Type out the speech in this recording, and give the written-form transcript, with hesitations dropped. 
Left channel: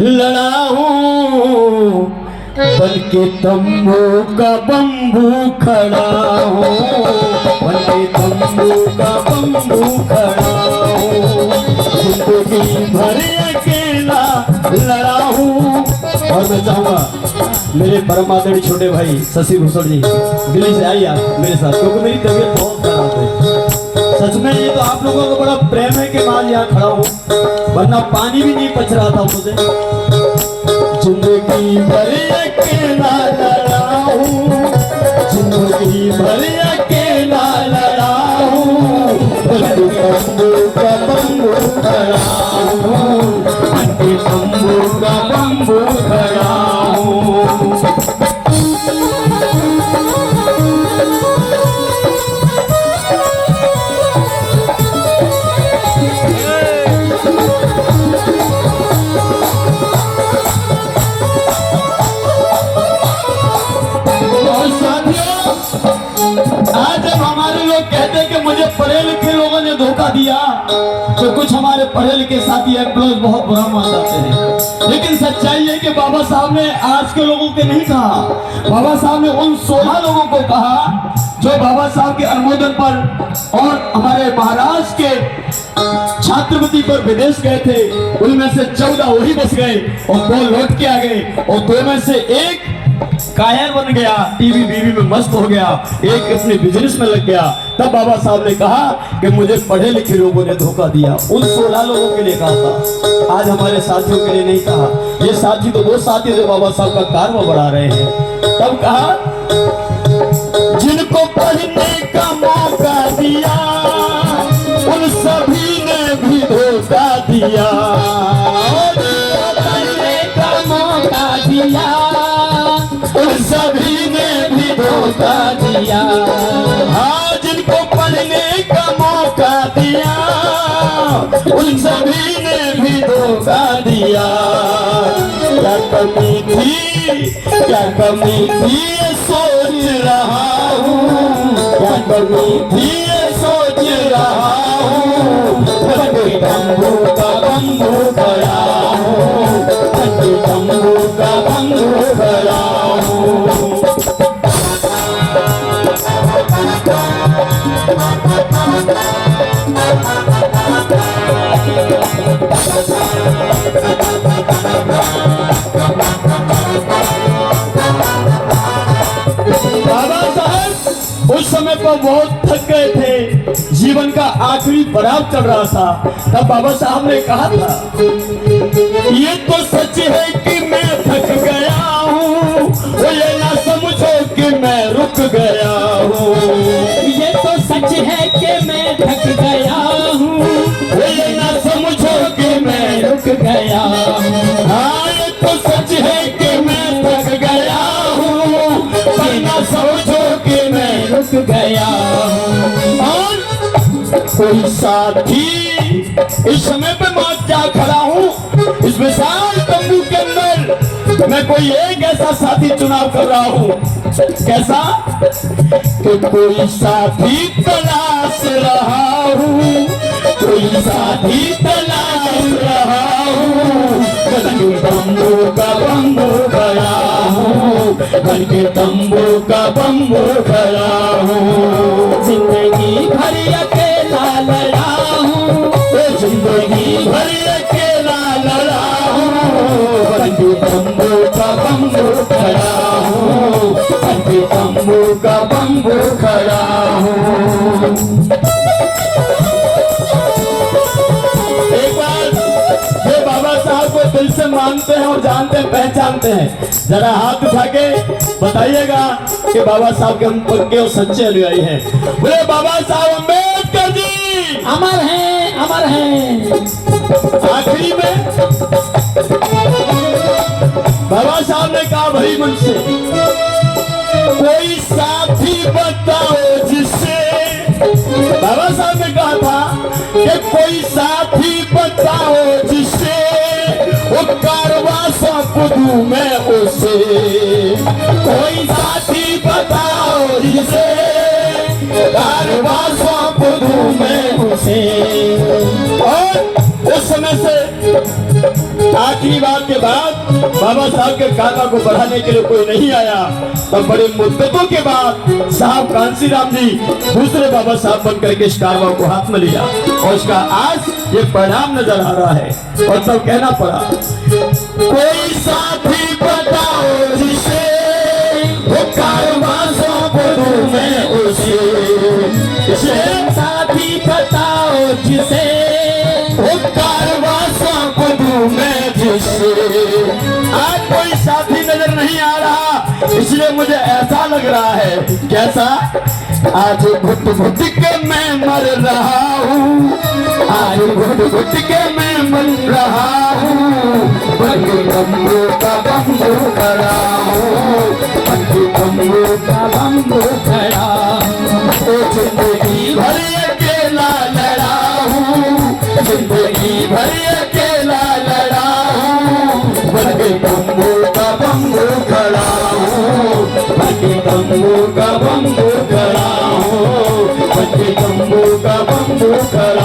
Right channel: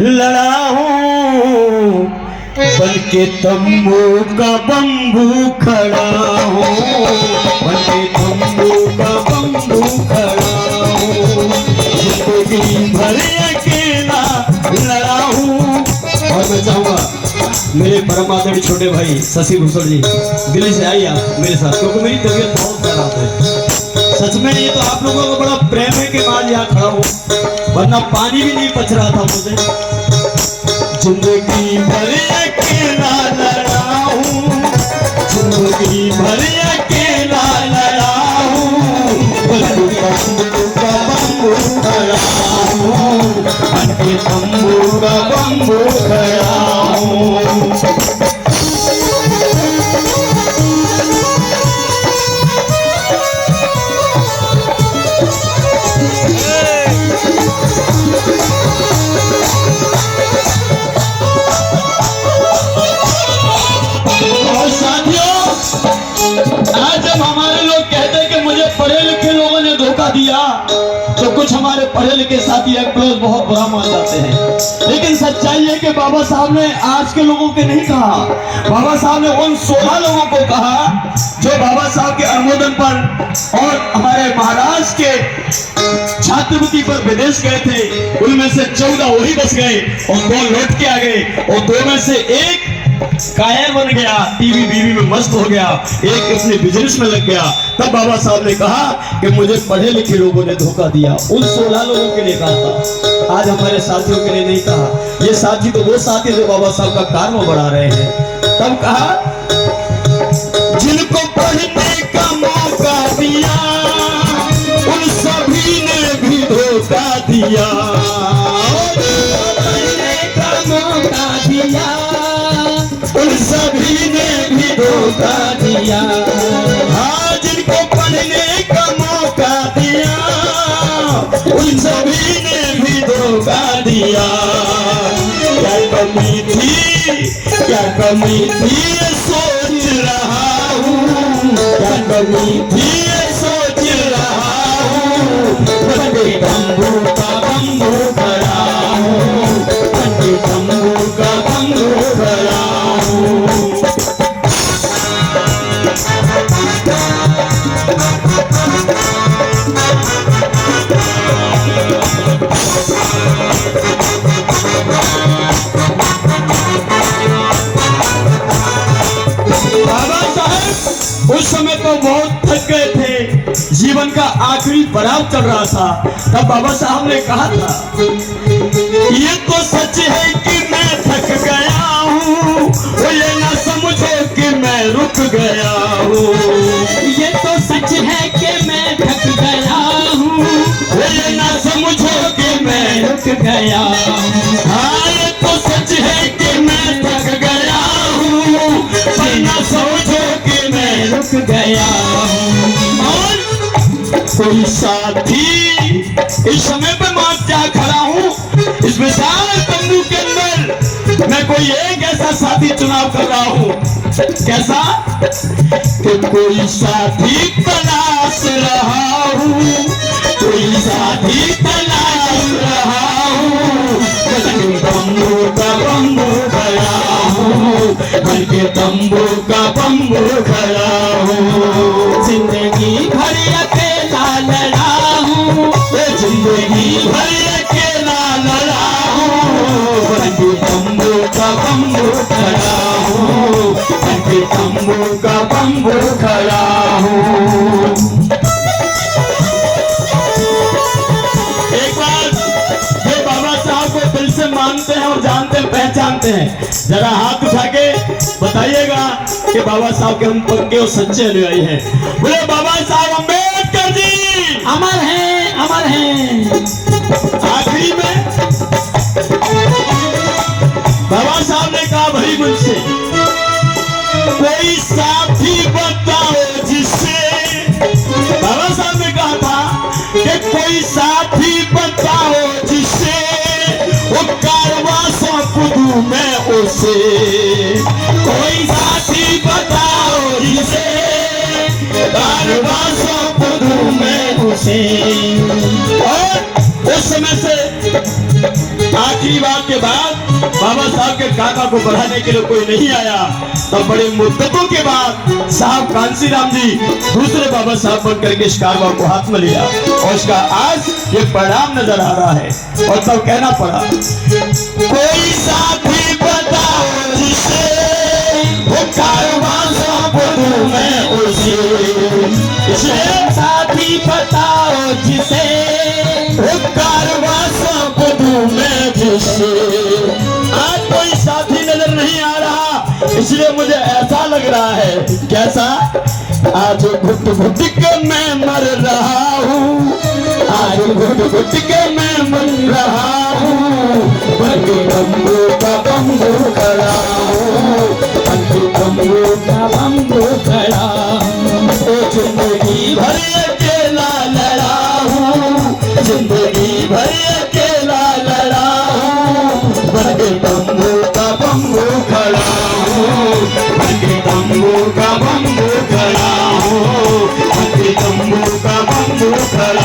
लड़ा हूँ, बन के तंबू का बम्बू खड़ा हूँ, बन के तंबू का बम्बू खड़ा हूँ। जिंदगी भर अकेला लड़ा हूँ। और मैं चाहूँगा मेरे परम आदरणीय छोटे भाई शशि भूषण जी, दिल्ली से आइए आप मेरे साथ, क्योंकि मेरी तबीयत बहुत खराब है। सच में ये तो आप लोगों का बड़ा प्रेम है कि आज यहाँ खड़ा हूँ, वरना पानी भी नहीं पच रहा था मुझे। जिंदगी भर अकेला लड़ा हूँ, जिंदगी भर अकेला लड़ा हूँ, बंबू का बम्बू खड़ा हूँ, बंबू का बम्बू खड़ा हूँ। पढ़े लिखे लोगों ने धोखा दिया तो कुछ हमारे पढ़े लिखे साथी एम्प्लॉयज बहुत बुरा मान जाते हैं, लेकिन सच्चाई है कि बाबा साहब ने आज के लोगों के नहीं कहा, बाबा साहब ने उन 16 लोगों को कहा जो बाबा साहब के अनुमोदन पर और हमारे महाराष्ट्र के छात्रवृत्ति पर विदेश गए थे। उनमें से 14 वही बस गए और 2 लौट के आ गए, और 2 में से एक कायर बन गया, टीवी बीवी में मस्त हो गया, एक अपने बिजनेस में लग गया। तब बाबा साहब ने कहा कि मुझे पढ़े लिखे लोगों ने धोखा दिया। उन 16 लोगों के लिए कहा था, आज हमारे साथियों के लिए नहीं कहा। ये साथी तो वो साथी जो बाबा साहब का कार्य बढ़ा रहे हैं। तब कहा जिनको पढ़ने का मौका दिया उन सभी ने भी धोखा दिया, पढ़ने का मौका दिया उन सभी ने भी धोखा दिया। हाँ, जिनको पढ़ने का मौका दिया उन सभी ने भी धोखा दिया। क्या कमी थी, क्या कमी थी सोच रहा हूँ, क्या कमी थी सोच रहा हूँ। बंदे बम्बू का बम्बू खड़ा हूँ, बंदे बम्बू का बम्बू खड़ा हूँ। उस समय तो बहुत थक गए थे, जीवन का आखिरी पड़ाव चल रहा था। तब बाबा साहब ने कहा था ये तो सच है कि मैं थक गया हूँ, ये ना समझो कि मैं रुक गया हूँ। ये तो सच है कि मैं थक गया हूँ, ये ना समझो कि मैं रुक गया हूँ। हाँ, ये तो सच है कि मैं थक गया हूँ, पर ना समझो कि मैं रुक गया। और कोई साथी इस समय पे मैं क्या खड़ा हूँ, इस विशाल तंबू के अंदर मैं कोई एक ऐसा साथी चुनाव कर रहा हूँ। कैसा कि कोई साथी तलाश रहा हूँ, कोई साथी तलाश रहा हूँ। तंबू का बम्बू खड़ा हूँ, बन के तंबू का बम्बू खड़ा हूँ। जिंदगी भर अकेला लड़ा हूँ, जिंदगी भर अकेला लड़ा हूँ। बन के तंबू का बम्बू खड़ा हूँ, बन के तंबू का बम्बू खड़ा हूँ। एक बार ये बाबा साहब को दिल से मानते हैं और जानते हैं, पहचानते हैं, जरा हाथ उठा के बताइएगा कि बाबा साहब के हम पक्के और सच्चे अनुयायी हैं। बोले बाबा साहब अम्बेडकर जी अमर हैं, अमर हैं। आखिरी में बाबा साहब ने कहा भाई मुझसे कोई साथी बताओ जिससे, बाबा साहब ने कहा था कि कोई साथी बताओ जिससे वो कारवां सौंप दूं मैं उसे। कोई साथी बताओ जिसे कारवां सौंप दूं मैं उसे। और उस समय में से आखिरी बात के बाद बाबा साहब के काका को बढ़ाने के लिए कोई नहीं आया, तो बड़े मुद्दतों के बाद साहब कांसीराम जी दूसरे बाबा साहब बन करके इस कारवा को हाथ में लिया और उसका आज ये परिणाम नजर आ रहा है। और तब कहना पड़ा, कोई साथी बताओ जिसे वो कारवा सौंप दूं मैं उसे, साथी बताओ जिसे वो कारवा सौंप दूं मैं जिसे। आज कोई साथी नजर नहीं आ रहा, इसलिए मुझे ऐसा लग रहा है, कैसा, आज घुट घुट के मैं मर रहा हूँ, आज घुट घुट के मैं मर रहा हूँ, बंदे बम्बू का बम्बू खड़ा हूँ, बंदे बम्बू का बम्बू खड़ा हूँ। ओ जिंदगी भर अकेला लड़ा हूँ, जिंदगी भर अकेला लड़ा हूँ, बंदे बम्बू का बम्बू खड़ा हूँ, बंदे बम्बू का बम्बू खड़ा हूँ, बंदे बम्बू का बम्बू खड़ा